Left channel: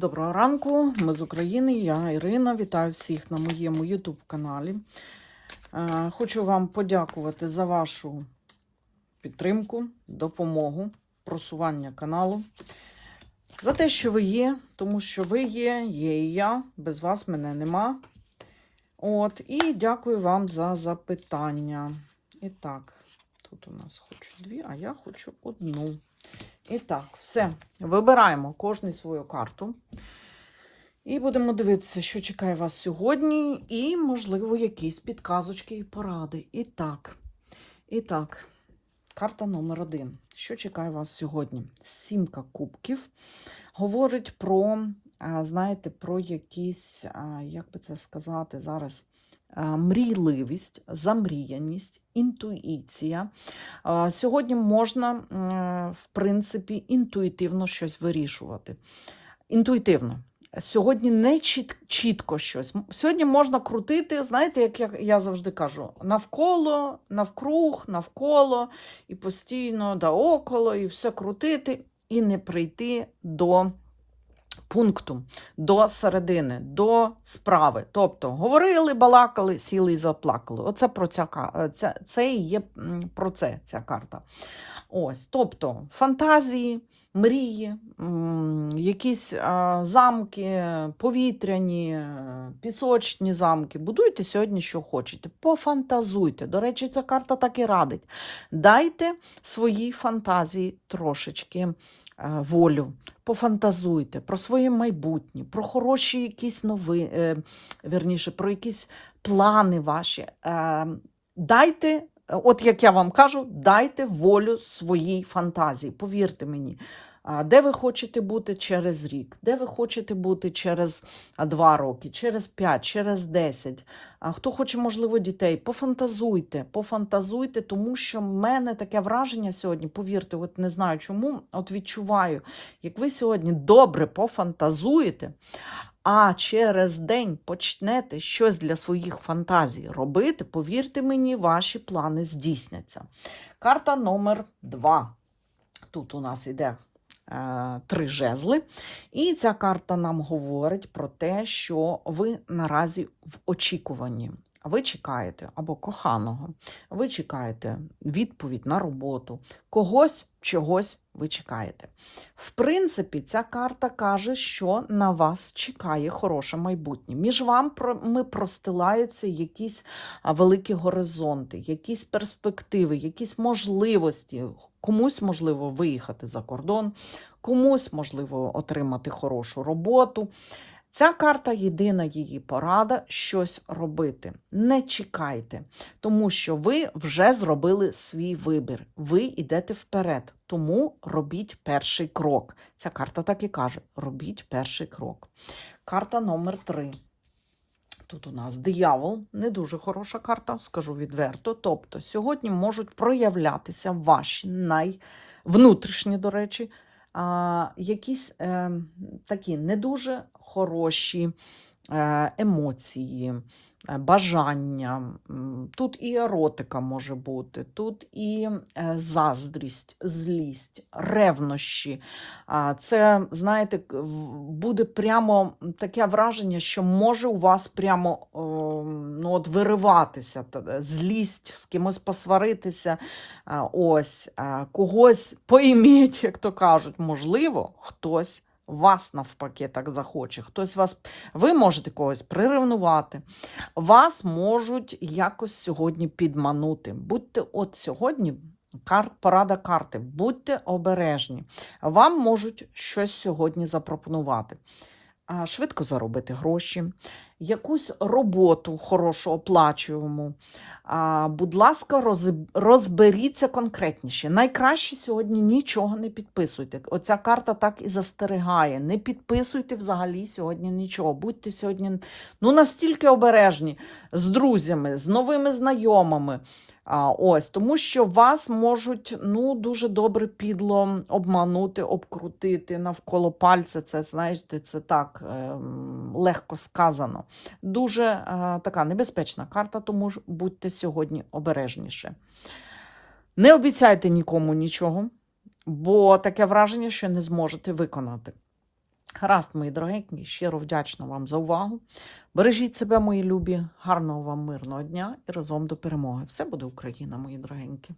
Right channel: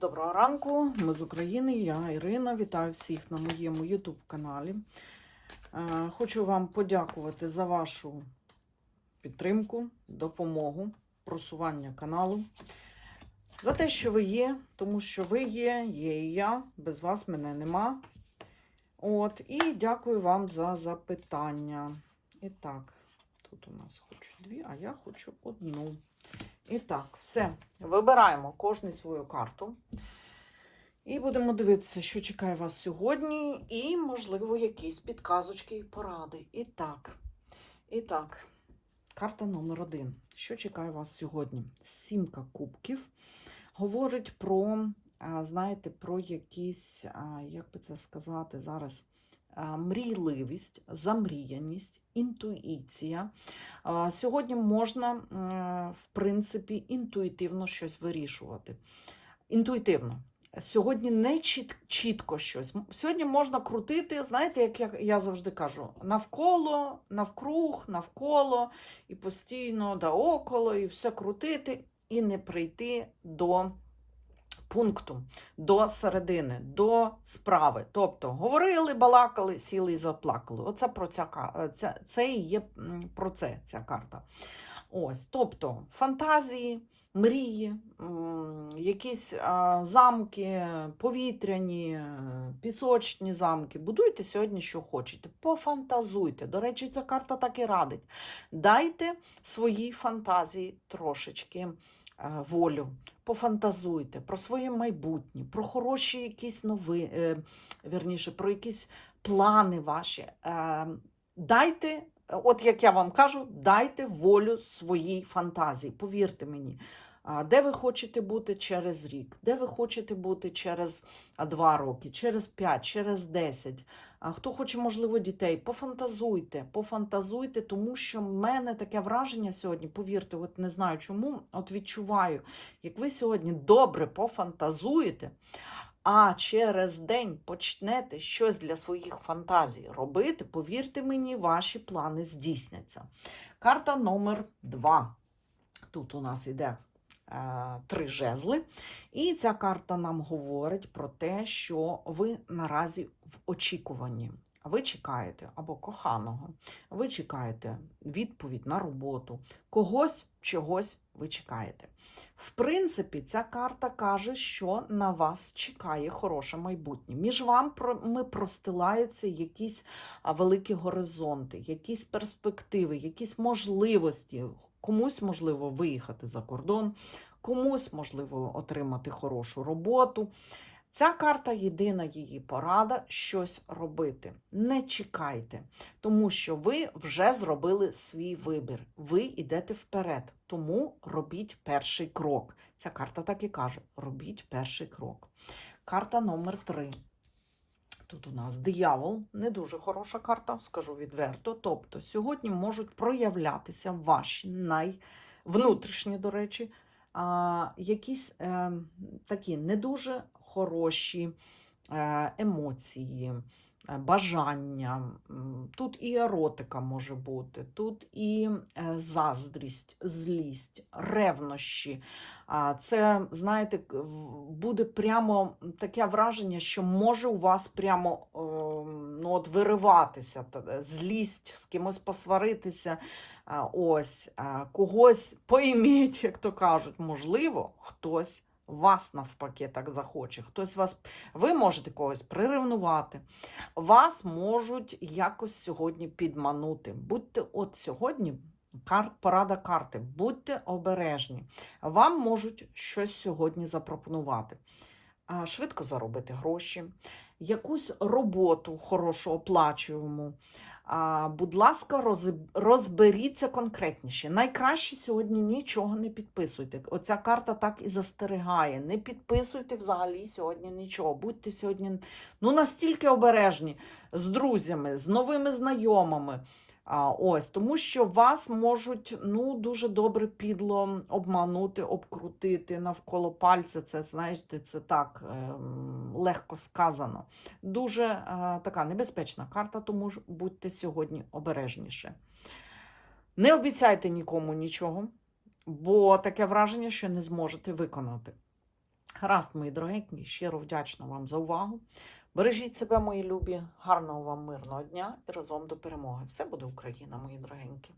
Доброго ранку, ми з України, я Ірина. Вітаю всіх на моєму YouTube каналі. Е, Хочу вам подякувати за вашу підтримку, допомогу, просування каналу. За те, що ви є, тому що ви є, є і я. Без вас мене нема. От, і дякую вам за запитання. І так, тут у нас хочу дві, а я хочу одну. І так, все. Вибираємо кожний свою карту. І будемо дивитися, що чекає вас сьогодні, і, можливо, якісь підказочки і поради. І так, і так, карта номер один. Що чекає вас сьогодні? Сімка кубків. Говорить про, знаєте, про якісь, як би це сказати зараз, мрійливість, замріяність, інтуїція. Сьогодні можна, в принципі, інтуїтивно щось вирішувати. Інтуїтивно. Сьогодні не чіт, чітко щось. Сьогодні можна крутити, знаєте, як я, я завжди кажу, навколо, навкруг, навколо, і постійно да около, і все крутити, і не прийти до пункту, до середини, до справи. Тобто говорили, балакали, сіли і заплакали. Оце про ця, ка- ця, це і є про це ця карта. Ось, тобто фантазії, мрії, якісь замки, повітряні, е, пісочні замки. Будуйте сьогодні, що хочете. Пофантазуйте. До речі, ця карта так і радить. Дайте своїй фантазії трошечки е, волю. Пофантазуйте про своє майбутнє, про хороші якісь новини, верніше, про якісь плани ваші. Е, дайте От як я вам кажу, дайте волю своїй фантазії. Повірте мені, де ви хочете бути через рік, де ви хочете бути через два роки, через п'ять, через десять. А хто хоче, можливо, дітей, пофантазуйте, пофантазуйте, тому що в мене таке враження сьогодні, повірте, от не знаю чому, от відчуваю, як ви сьогодні добре пофантазуєте, а через день почнете щось для своїх фантазій робити, повірте мені, ваші плани здійсняться. Карта номер два. Тут у нас іде три жезли. І ця карта нам говорить про те, що ви наразі в очікуванні. Ви чекаєте або коханого, ви чекаєте відповідь на роботу, когось, чогось ви чекаєте. В принципі, ця карта каже, що на вас чекає хороше майбутнє. Між вами простилаються якісь великі горизонти, якісь перспективи, якісь можливості. Комусь можливо виїхати за кордон, комусь можливо отримати хорошу роботу. Ця карта єдина її порада щось робити. Не чекайте, тому що ви вже зробили свій вибір. Ви йдете вперед, тому робіть перший крок. Ця карта так і каже: робіть перший крок. Карта номер три. Тут у нас диявол, не дуже хороша карта, скажу відверто. Тобто, сьогодні можуть проявлятися ваші найвнутрішні, до речі, якісь е, такі не дуже хороші емоції, е, бажання. Тут і еротика може бути, тут і е, заздрість, злість, ревнощі. Це, знаєте, буде прямо таке враження, що може у вас прямо ну, от вириватися злість, з кимось посваритися, ось, когось поіміть, як то кажуть, можливо, хтось вас навпаки так захоче. Хтось вас, ви можете когось приревнувати, вас можуть якось сьогодні підманути. Будьте от сьогодні. Карт, порада карти. Будьте обережні. Вам можуть щось сьогодні запропонувати. Швидко заробити гроші, якусь роботу хорошу, оплачуємо. Будь ласка, роз- розберіться конкретніше. Найкраще сьогодні нічого не підписуйте. Оця карта так і застерігає. Не підписуйте взагалі сьогодні нічого. Будьте сьогодні ну, настільки обережні з друзями, з новими знайомими. Ось, тому що вас можуть ну, дуже добре підло обманути, обкрутити навколо пальця. Це, знаєте, це так ем, легко сказано. Дуже е, така небезпечна карта, тому ж будьте сьогодні обережніше. Не обіцяйте нікому нічого, бо таке враження, що не зможете виконати. Гаразд, мої дорогенькі, щиро вдячна вам за увагу. Бережіть себе, мої любі, гарного вам мирного дня і разом до перемоги. Все буде Україна, мої дорогенькі.